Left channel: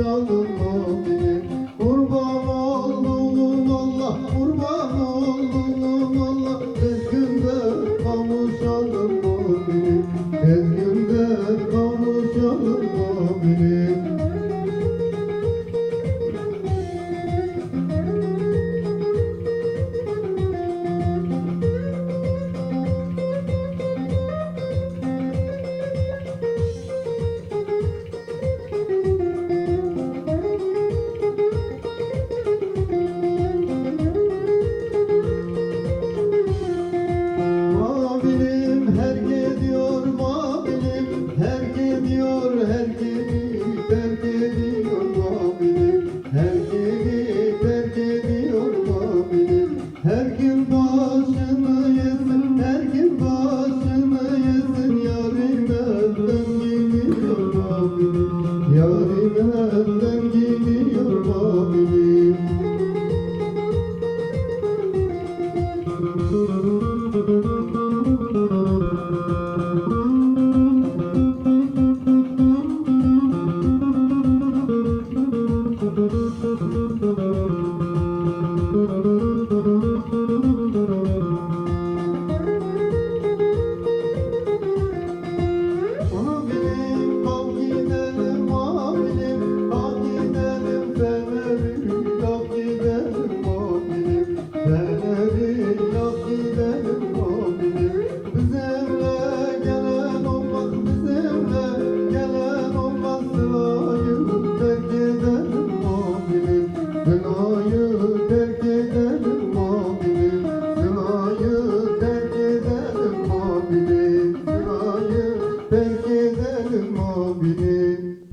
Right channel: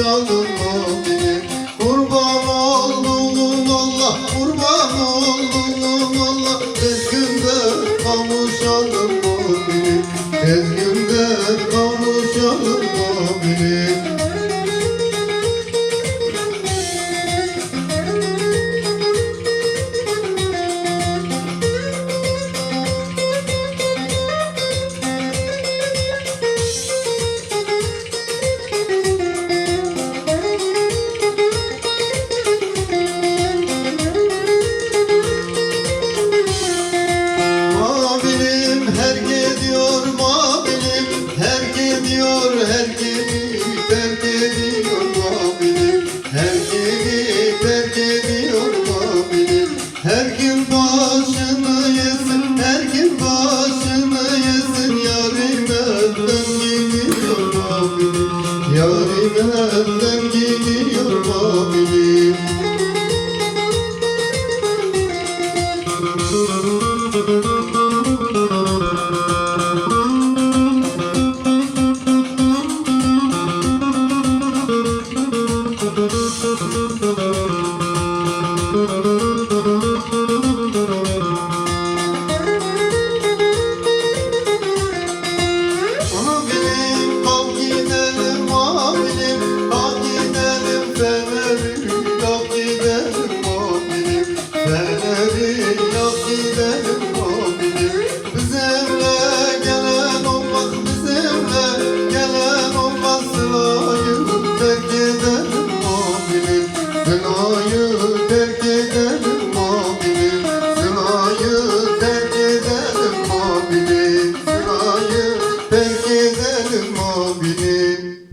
Yolun